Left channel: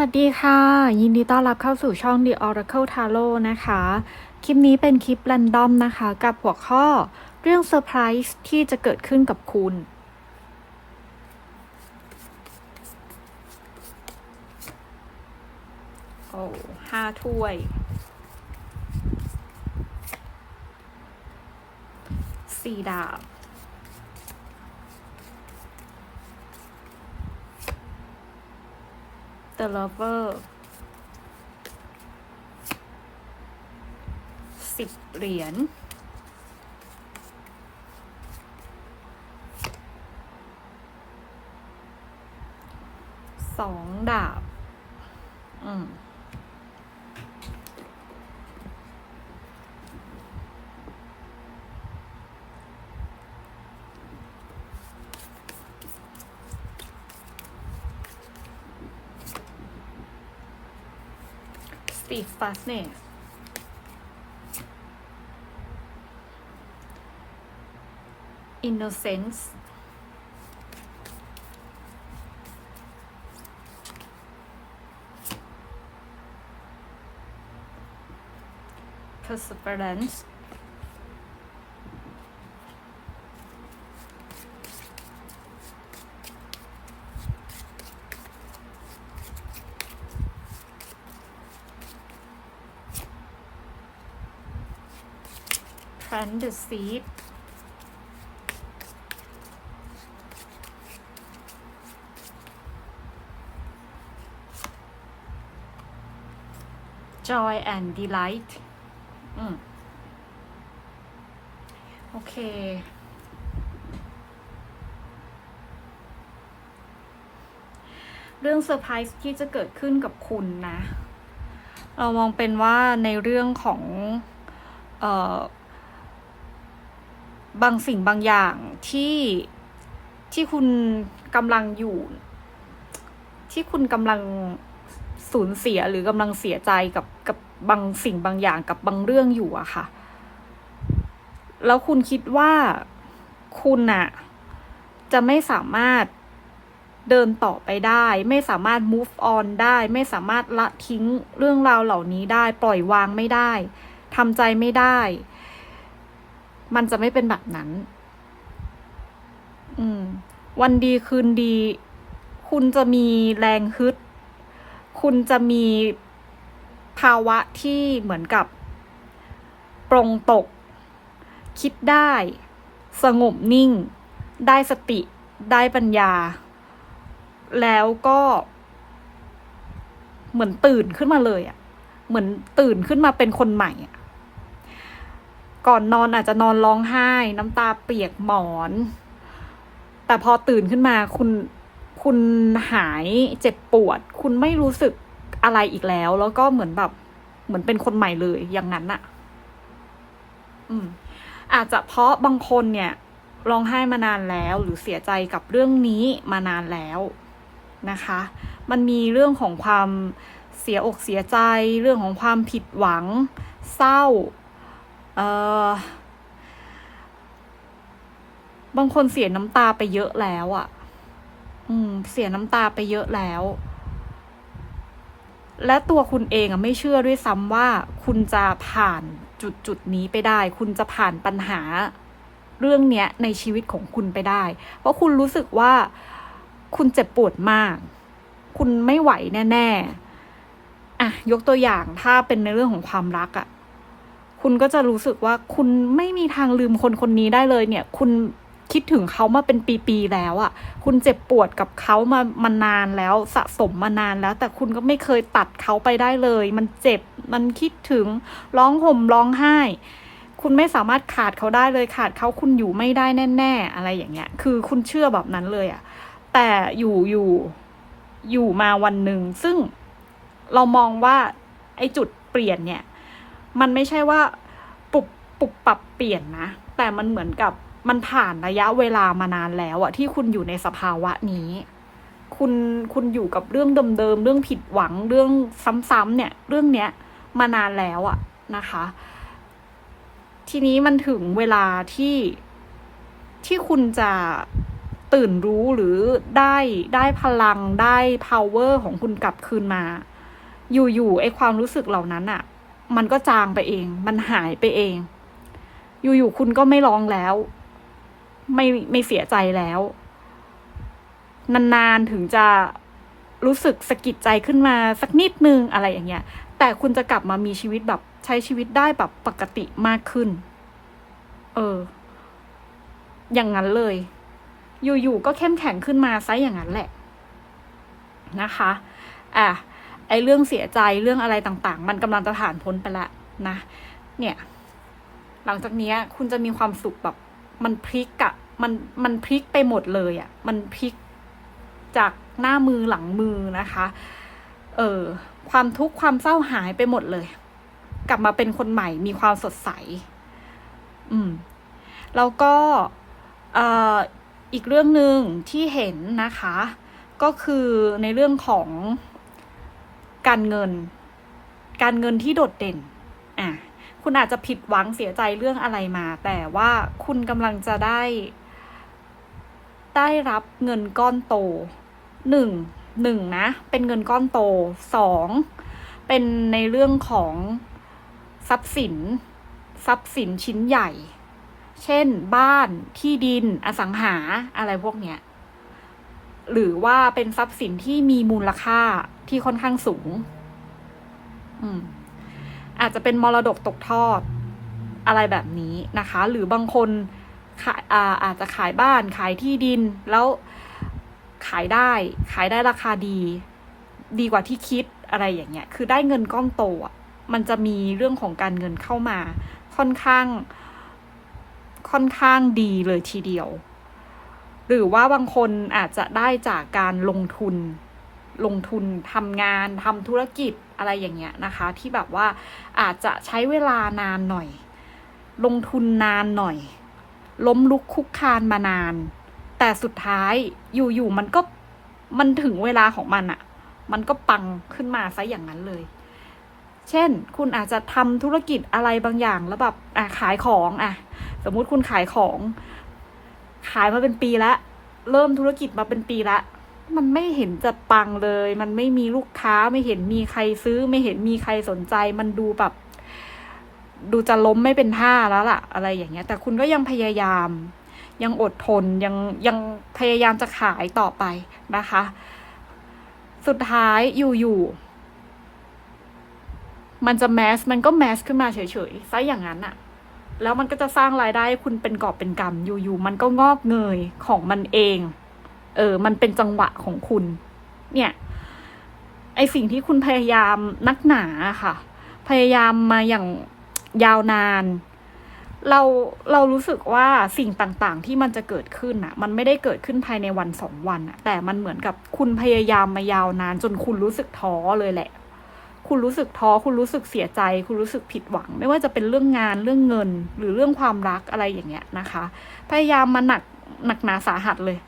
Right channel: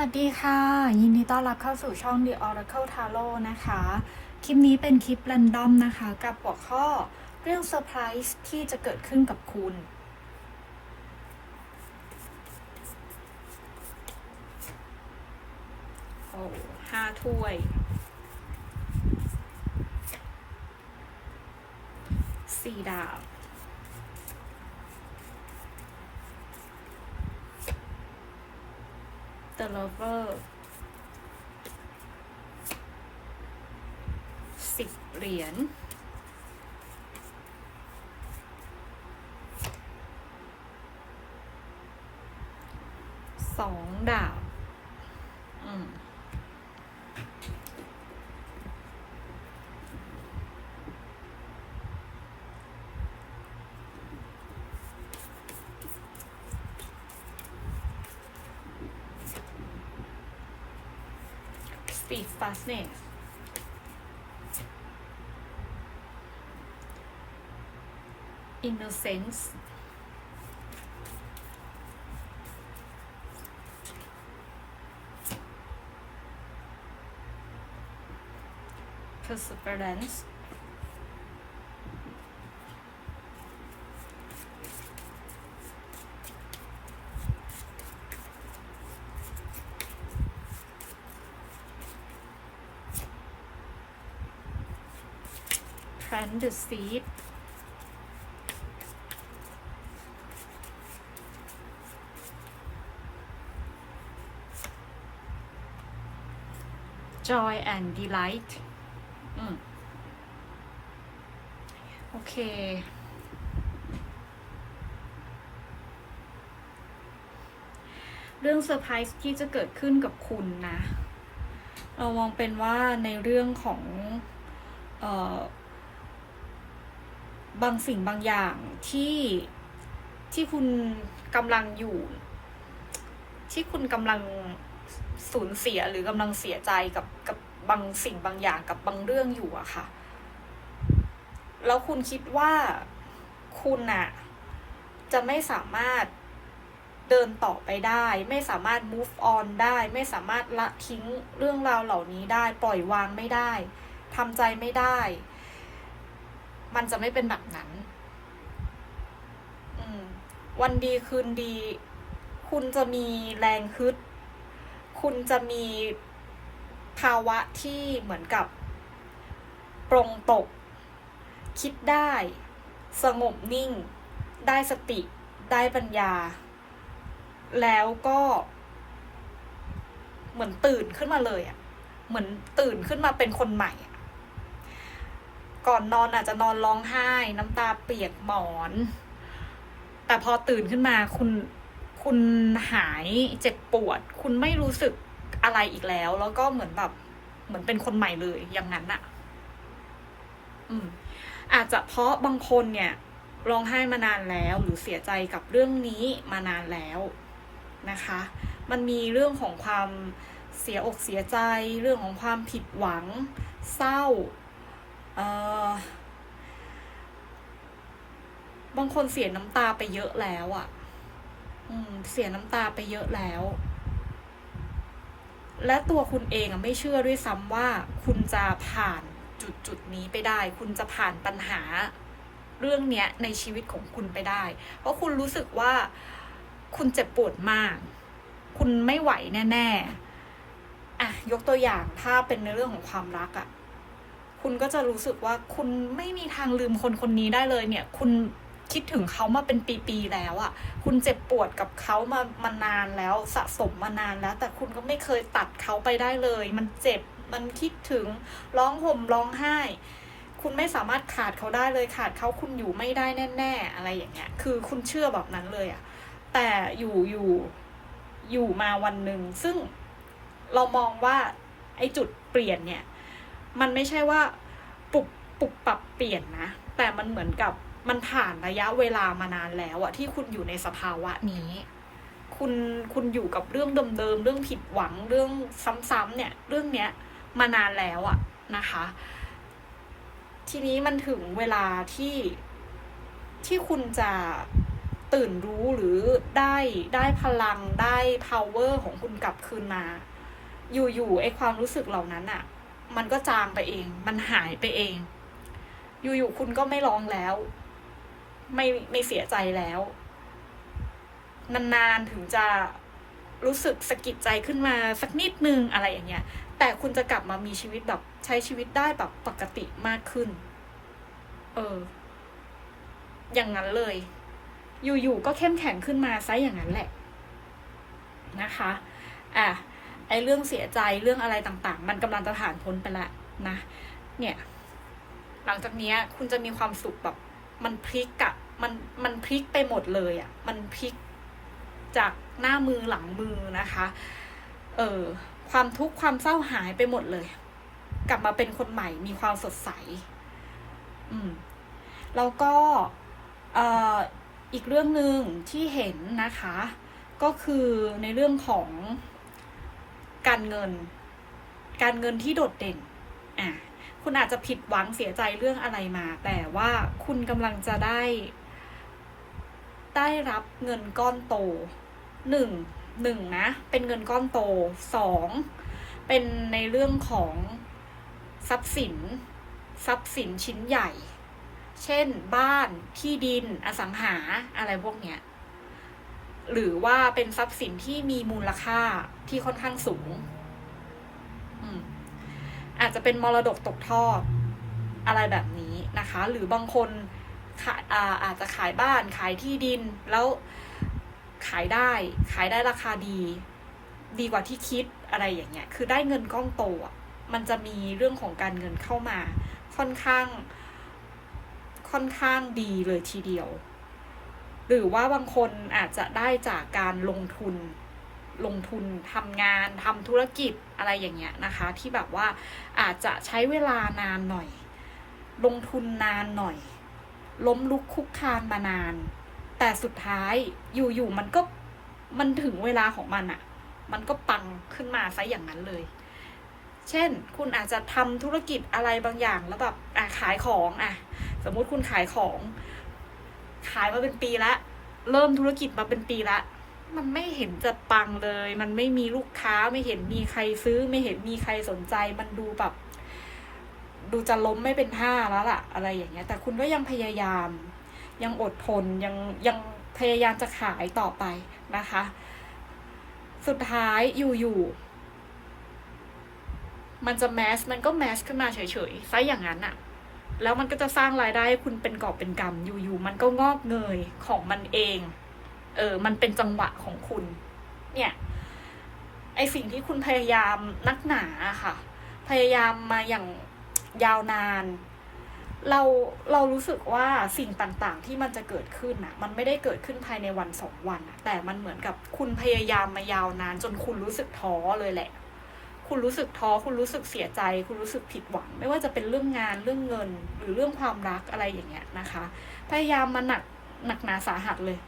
สวัสดีค่ะ ยินดีต้อนรับเข้าสู่ช่อง The Oracle Tarot นะคะ คลิปนี้เป็นคลิปแรนดอมนะคะ กับหัวข้อเรื่องเซอร์ไพรส์ที่จะเกิดขึ้นกับคุณ โอ้ห้าถ้วย สี่ดาบ The Lover สิบเหรียญสองดาบ อืม last name. Innocence. Perseverance. Plant the seed joy and delight อืม โอเค เรื่องเซอร์ไพรส์ที่จะเกิดขึ้นกับคุณนะ เรามองเป็นว่าในเรื่องของ เอ่อ บางสิ่งบางอย่างที่ที่คุณกำลังอยู่ ที่คุณกำลังสูญเสียหรือกำลังเสียใจกับกับบางสิ่งบางอย่างกับบางเรื่องอยู่อะค่ะ แล้วคุณคิดว่าคุณอะจะไม่สามารถเดินต่อไปได้ ไม่สามารถ move on ได้ ไม่สามารถละทิ้งเรื่องราวเหล่านี้ได้ ปล่อยวางไม่ได้ทำใจไม่ได้ มันจะไม่เป็นแบบนั้น อืม วันดีคืนดี คุณจะมีแรงฮึด คุณจะมีภาวะที่เหมือนกับ ปรงตก คิดได้ สงบนิ่ง ได้สติ ได้ปัญญา แล้วก็ เหมือนตื่นขึ้นมาเลยอะ่ะ เหมือนตื่นขึ้นมาเป็นคนใหม่อะ ก่อนนอนอาจจะนอนร้องไห้ น้ำตาเปียกหมอน แต่พอตื่นขึ้นมาคุณคุณหายเจ็บปวด คุณไม่รู้สึกอะไรอีกแล้ว แล้วก็เหมือนแบบเหมือนเป็นคนใหม่เลยอย่างนั้นอะอืม อาจจะเพราะบางคนเนี่ยร้องไห้มานานแล้ว หรือเสียใจกับเรื่องนี้มานานแล้วนะคะ มันมีเรื่องของความเสียอกเสียใจ เรื่องของความผิดหวัง เศร้า เออบางคนเสียน้ำตาไปเยอะแล้วอะ่ะ อืม เสียน้ำตาไปเยอะแล้ว และตัวคุณเองอะไม่เชื่อด้วยซ้ำว่า คุณจะผ่านจุดจุดนี้ไปได้ คุณจะผ่านปัญหาเรื่องเนี้ยในชีวิตของคุณไปได้ เพราะคุณรู้สึกว่าคุณเจ็บปวดมาก คุณไม่ไหวแน่ ๆ อะ ยกตัวอย่างถ้าเป็นในเรื่องของความรักอะ คุณก็จะรู้สึกว่าคุณไม่มีทางลืมคนคนนี้ได้เลยเนี่ย คุณคิดถึงเขามาเป็นปีๆแล้วอะ่ะ คุณเจ็บปวดกับเขามามานานแล้วสะสมมานานแล้ว แต่คุณก็ไม่เคยตัดเขาไปได้เลย มันเจ็บมันคิดถึงร้องห่มร้องไห้ คุณไม่สามารถขาดเขาได้เลยขาดเขาคุณอยู่ไม่ได้แน่ๆ อะไรอย่างเงี้ย คือคุณเชื่อแบบนั้นเลยอะ่ะ แต่อยู่อยู่อยู่มาวันหนึ่งซึ่งเรามองว่าไอ้จุดเปลี่ยนเนี่ย มันไม่ใช่ว่าปุบปุบปรับเปลี่ยนนะ แต่มันเหมือนกับมันผ่านระยะเวลามานานแล้วอะที่คุณอยู่ในสภาวะนี้ คุณคุณอยู่กับเรื่องเดิมๆเรื่องผิดหวังเรื่องซ้ำๆเนี่ย เรื่องเนี้ยมานานแล้วอะนะคะ ทีนี้มันถึงเวลาที่ที่คุณจะตื่นรู้หรือได้ได้พลังได้ power ของคุณกลับคืนมา อยู่ๆไอความรู้สึกเหล่านั้นอะ มันก็จางไปเอง มันหายไปเอง อยู่ๆคุณก็ไม่ร้องแล้ว ไม่ไม่เสียใจแล้ว นานๆถึงจะรู้สึกสะกิดใจขึ้นมาสักนิดนึงอะไรอย่างเงี้ย แต่คุณจะกลับมามีชีวิตแบบใช้ชีวิตได้แบบปกติมากขึ้น เออ อย่างนั้นเลย อยู่ๆก็เข้มแข็งขึ้นมาซะอย่างนั้นแหละ นะคะ อะ ไอเรื่องเสียใจเรื่องอะไรต่างๆ มันกำลังจะผ่านพ้นไปละนะ เนี่ย หลังจากนี้คุณจะมีความสุขแบบ มันพลิกอะมันมันพลิกไปหมดเลยอะมันพลิกจากหน้ามือหลังมือนะคะ เออความทุกข์ความเศร้าหายไปหมดเลย กลับมาเป็นคนใหม่มีความสดใส อืม แล้วก็เอ่ออีกเรื่องหนึ่งที่เห็นนะคะ ก็คือในเรื่องของ การเงิน การเงินที่โดดเด่น อะ คุณอาจจะผิดหวังเสียใจเรื่องอะไรมา แต่ว่าคุณกำลังจะได้ ได้รับเงินก้อนโตหนึ่งหนึ่งนะ เป็นเงินก้อนโตสองเป็นในเรื่องของทรัพย์สิน ทรัพย์สินชิ้นใหญ่ เช่น บ้านที่ดินอสังหาอะไรพวกเนี้ยหรือว่าเป็นทรัพย์สินที่มีมูลค่า ที่ค่อนข้างสูง อืม อาจจะเป็นมรดกตกทอดอะไรแบบนี้นะคะ หรือบางคนขายอาอาจจะขายบ้านขายที่ดินแล้วขายได้ ขายได้ราคาดี ดีกว่าที่คิดอะไรอย่างเงี้ย คือได้เงินก้อนโตมันจะมีเรื่องของการเงินเข้ามา ค่อนข้าง ค่อนข้างดีเลยทีเดียว หรือว่าบางคนอาจจะได้จากการลงทุน ลงทุนทำงานทำธุรกิจอะไรอย่างเงี้ยนะคะ ที่แบบว่าอาจจะใช้เวลานานหน่อย ลงทุนนานหน่อย ล้มลุกคุกคานมานาน แต่สุดท้ายอยู่ๆมันก็มันถึงเวลาของมันอะมันก็ปังขึ้นมาซะอย่างนั้นเลย เช่น คุณอาจจะทำธุรกิจอะไรบางอย่างแล้วแบบอะขายของอะ สมมุติคุณขายของ ขายมาเป็นปีแล้วเริ่มธุรกิจมาเป็นปีแล้ว มันไม่เห็นจะปังเลย มันไม่มีลูกค้าไม่เห็นมีใครซื้อ ไม่เห็นมีใครสนใจ มันดูแบบ ดูจะล้มไม่เป็นท่าแล้วล่ะ อะไรอย่างเงี้ย แต่คุณก็ยังพยายาม ยังอดทนยังยังพยายามจะขายต่อไปนะคะ สุดท้ายอยู่ๆมันจะแมสมันก็แมสขึ้นมาเฉยๆซะอย่างนั้นอะแล้วมันก็จะสร้างรายได้ให้คุณเป็นกอบเป็นกำอยู่ๆมันก็งอกเงยของมันเอง เออ มันเป็นจังหวะของคุณ เนี่ย ไอสิ่งที่คุณพยายามนักหนาค่ะ พยายามมาอย่างยาวนาน เราเรารู้สึกว่าสิ่งต่างๆ ที่มันจะเกิดขึ้นอะมันไม่ได้เกิดขึ้นภายในวันสองวันอะแต่มันเหมือนกับคุณพยายามมายาวนาน จนคุณรู้สึกท้อเลยแหละ คุณรู้สึกท้อ คุณรู้สึกเสียใจ คุณรู้สึกผิดหวัง ไม่ว่าจะเป็นเรื่องงานเรื่องเงิน หรือเรื่องความรักอะไรอย่างเงี้ยนะคะ พยายามมาหนักหนักหนาสาหัสเลย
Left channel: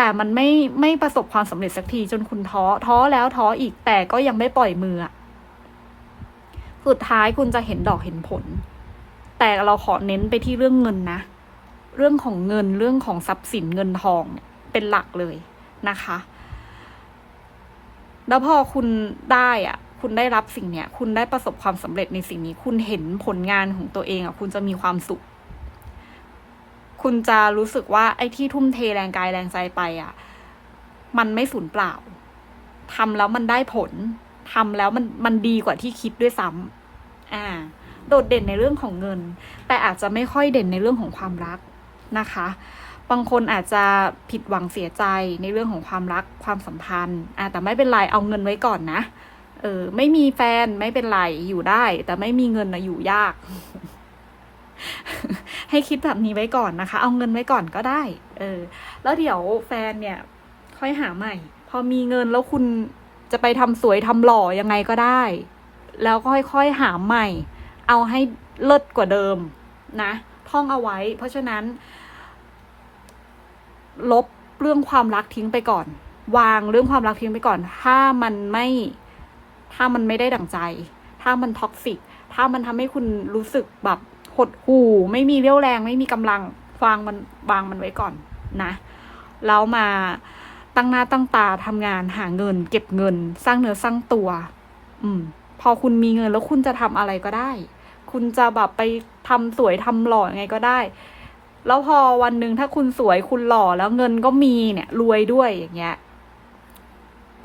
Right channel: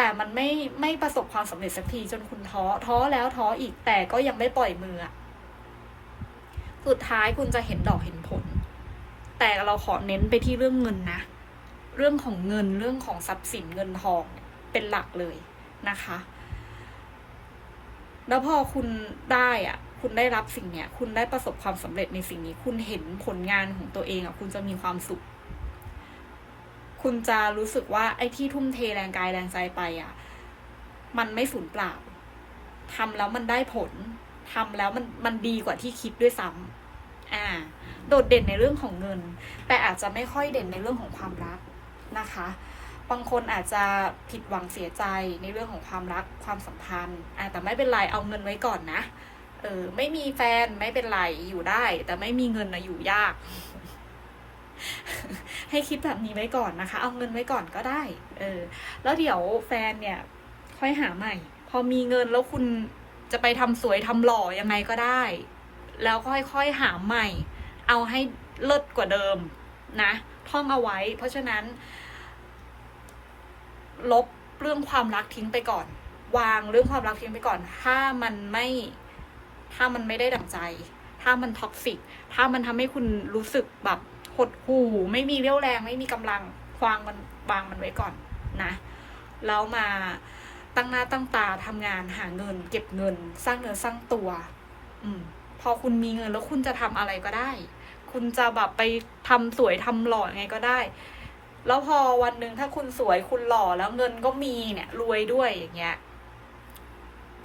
แต่มันไม่ไม่ประสบความสำเร็จสักทีจนคุณท้อท้อแล้วท้ออีกแต่ก็ยังไม่ปล่อยมือสุดท้ายคุณจะเห็นดอกเห็นผล แต่เราขอเน้นไปที่เรื่องเงินนะ เรื่องของเงินเรื่องของทรัพย์สินเงินทองเป็นหลักเลยนะคะ แล้วพอคุณได้อะ คุณได้รับสิ่งเนี้ย คุณได้ประสบความสำเร็จในสิ่งนี้ คุณเห็นผลงานของตัวเองอะ คุณจะมีความสุข คุณจะรู้สึกว่าไอ้ที่ทุ่มเทแรงกายแรงใจไปอะมันไม่สูญเปล่าทำแล้วมันได้ผลทำแล้วมันมันดีกว่าที่คิดด้วยซ้ำอ่า โดดเด่นในเรื่องของเงิน แต่อาจจะไม่ค่อยเด่นในเรื่องของความรักนะคะ บางคนอาจจะผิดหวังเสียใจในเรื่องของความรักความสัมพันธ์อ่าแต่ไม่เป็นไรเอาเงินไว้ก่อนนะเออไม่มีแฟนไม่เป็นไรอยู่ได้ แต่ไม่มีเงินนะอยู่ยาก ให้คิดแบบนี้ไว้ก่อนนะคะ เอาเงินไว้ก่อนก็ได้ เออ แล้วเดี๋ยวแฟนเนี่ย ค่อยหาใหม่ พอมีเงินแล้วคุณจะไปทำสวยทำหล่อยังไงก็ได้ แล้วก็ค่อยๆหาใหม่ เอาให้เลิศกว่าเดิมนะ ท่องเอาไว้ เพราะฉะนั้น ลบเรื่องความรักทิ้งไปก่อน วางเรื่องความรักทิ้งไปก่อน ถ้ามันไม่ ถ้ามันไม่ได้ดั่งใจ ถ้ามันท็อกซิก ถ้ามันทำให้คุณรู้สึกแบบ หดหู่ไม่มีเรี่ยวแรงไม่มีกำลังวางมันวางมันไว้ก่อนนะแล้วมาตั้งหน้าตั้งตาทำงานหาเงิน เก็บเงิน สร้างเนื้อสร้างตัว อืม พอคุณมีเงินแล้วคุณจะทำอะไรก็ได้ คุณจะแบบไปทำสวยทำหล่อยังไงก็ได้ แล้วพอวันหนึ่งถ้าคุณสวยคุณหล่อแล้วเงินก็มีเนี่ยรวยด้วยอย่างเงี้ย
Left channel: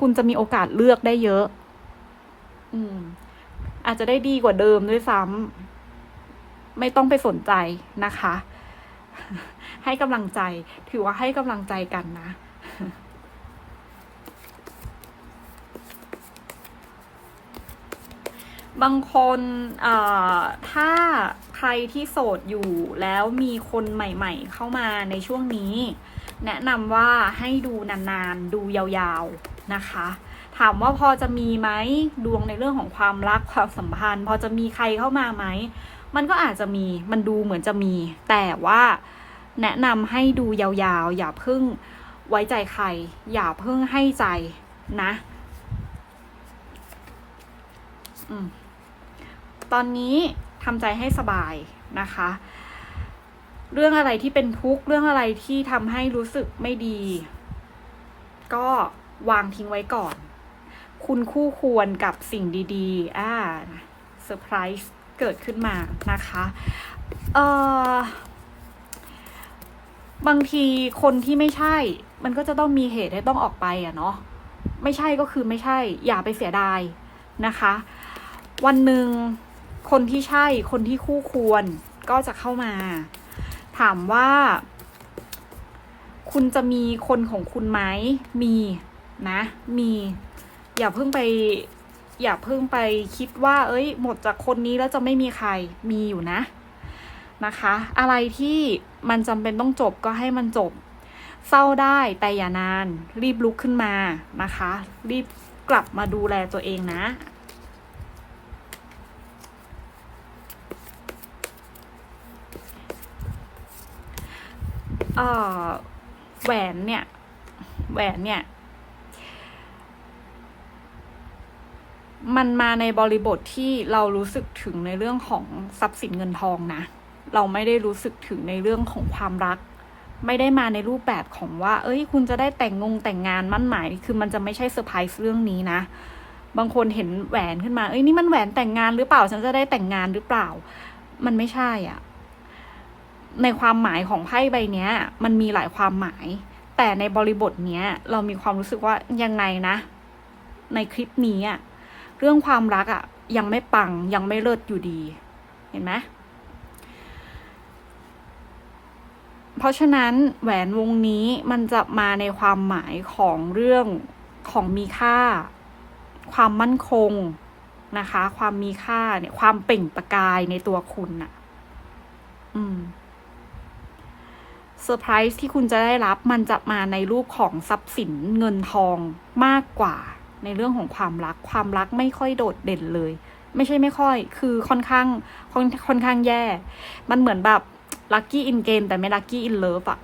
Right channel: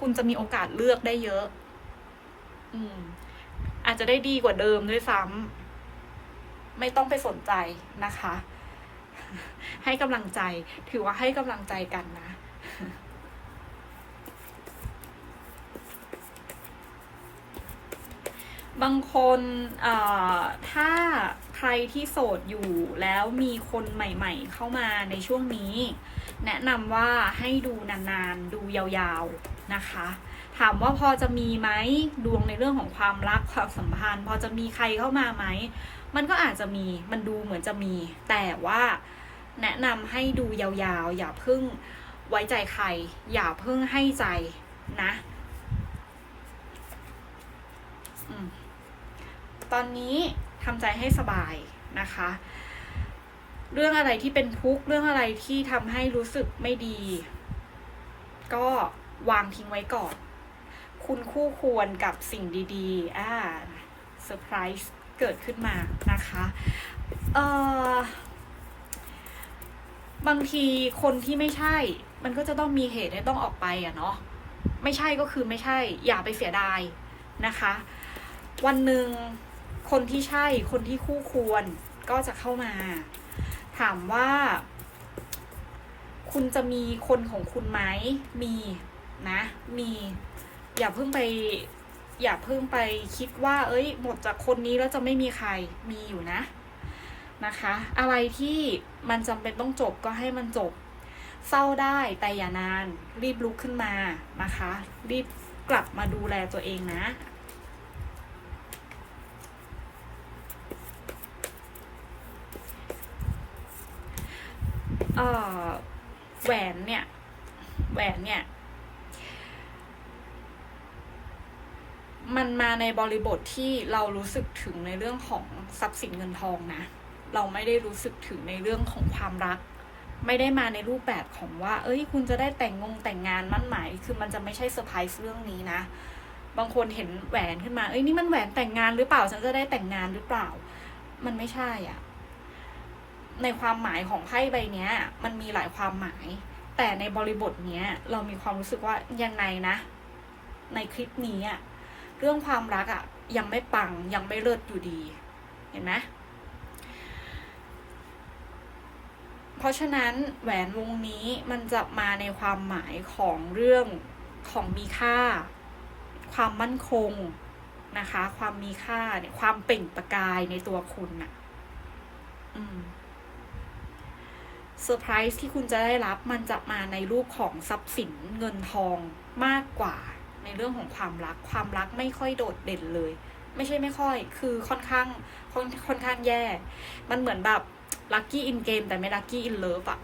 คุณจะมีโอกาสเลือกได้เยอะ อืม อาจจะได้ดีกว่าเดิมด้วยซ้ำ ไม่ต้องไปสนใจนะคะ ให้กำลังใจ ถือว่าให้กำลังใจกันนะบางคนถ้าใครที่โสดอยู่แล้วมีคนใหม่ ๆ เข้ามาในช่วงนี้ แนะนำว่าให้ดูนานๆ ดูยาวๆนะคะ ถามว่าพอจะมีไหมดวงในเรื่องของความรักความสัมพันธ์ พอจะมีใครเข้ามาไหม มันก็อาจจะมีมันดูเหมือนจะมี แต่ว่าแนะนำให้ดูยาวๆ อย่าเพิ่งไว้ใจใคร อย่าเพิ่งให้ใจนะอตอนนี้ทำใจให้สบายนะคะ เรื่องอะไรที่เป็นทุกข์เรื่องอะไรที่ทำให้รู้สึกไม่ดี ก็วางทิ้งไว้ก่อน คุณคู่ควรกับสิ่งดีๆ อ่าเซอร์ไพรส์ เกิดขึ้นมานะคะเอ่อบางทีคนที่ไม่ใช่ มันก็จะต้องมีเหตุให้ต้องออกไปอะเนาะไม่ใช่ก็คือไม่ใช่ อย่าไปเสียดายนะคะ วันหนึ่งคนที่ใช่คนที่คู่ควรก็จะเข้ามา ถามว่า คุณจะมีคนของคุณไหมมีนะ มี อย่าเพิ่งไป อย่าเพิ่งไปคิดว่า เอ้ย หมดจากคนนี้แล้วจะไม่มีใครมีอยู่นะนะคะ อะไรที่มันจำเป็นต้องจบก็ให้มันจบ เศร้าได้แต่อย่านาน รีบลุกขึ้นมานะคะ รีบกลับมาดูแลตัวเองนะแหวนเนี่ย แหวนเนี่ย มันมาในบริบทที่เรารู้สึกถึงในเรื่องของทรัพย์สินเงินทองนะ เราไม่ได้รู้สึกถึงในเรื่องของความรัก ไม่ได้มาในรูปแบบของว่า เอ้ย คุณจะได้แต่งงงแต่งงานมั่นหมาย คือมันจะไม่ใช่เซอร์ไพรส์เรื่องนี้นะ บางคนเห็นแหวนขึ้นมา เอ้ย นี่มันแหวนแต่งงานหรือเปล่า ฉันจะได้แต่งงานหรือเปล่า มันไม่ใช่อะ ในความหมายของไพ่ใบนี้มันมีหลายความหมาย แต่ในบริบทเนี้ย เรามีความรู้สึกว่ายังไงนะ ในคลิปนี้อะ เรื่องความรักอะยังไม่ปังยังไม่เลิศอยู่ดี เห็นไหมเพราะฉะนั้นแหวนวงนี้มันจะมาในความหมายของเรื่องของมีค่า ความมั่นคงนะคะ ความมีค่าเนี่ยความเปล่งประกายในตัวคุณน่ะ อืมเซอร์ไพรส์ที่คุณจะได้รับมันจะมาในรูปของทรัพย์สินเงินทองมากกว่า ในเรื่องของความรัก ความรักไม่ค่อยโดดเด่นเลย ไม่ใช่ไม่ค่อย คือค่อนข้างค่อนค่อนข้างแย่ มันเหมือนแบบลัคกี้อินเกมแต่ไม่ลัคกี้อินเลิฟอะ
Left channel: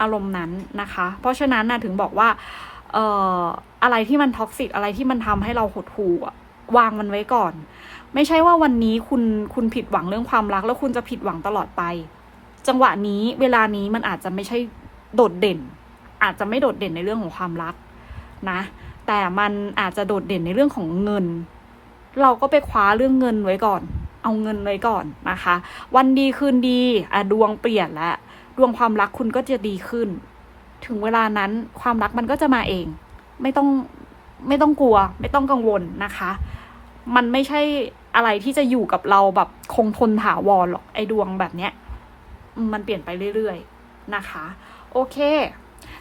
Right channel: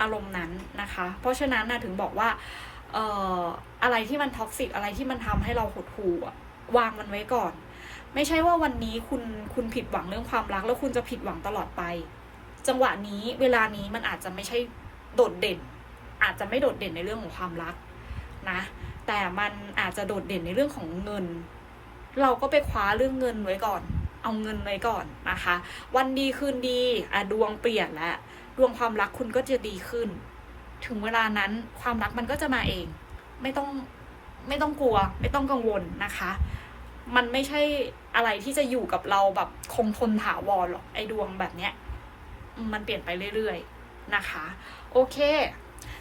อารมณ์นั้นนะคะ เพราะฉะนั้นนะถึงบอกว่าเอ่ออะไรที่มันท็อกซิกอะไรที่มันทำให้เราหดหู่อะวางมันไว้ก่อน ไม่ใช่ว่าวันนี้คุณคุณผิดหวังเรื่องความรัก แล้วคุณจะผิดหวังตลอดไป จังหวะนี้เวลานี้มันอาจจะไม่ใช่โดดเด่น อาจจะไม่โดดเด่นในเรื่องของความรักนะ แต่มันอาจจะโดดเด่นในเรื่องของเงิน เราก็ไปคว้าเรื่องเงินไว้ก่อน เอาเงินไว้ก่อนนะคะ วันดีคืนดีอะดวงเปลี่ยนแล้วดวงความรักคุณก็จะดีขึ้น ถึงเวลานั้นความรักมันก็จะมาเอง ไม่ต้องไม่ต้องกลัว ไม่ต้องกังวลนะคะ มันไม่ใช่อะไรที่จะอยู่กับเราแบบคงทนถาวรหรอกไอ้ดวงแบบเนี้ย มันเปลี่ยนไปเรื่อยๆนะคะ โอเค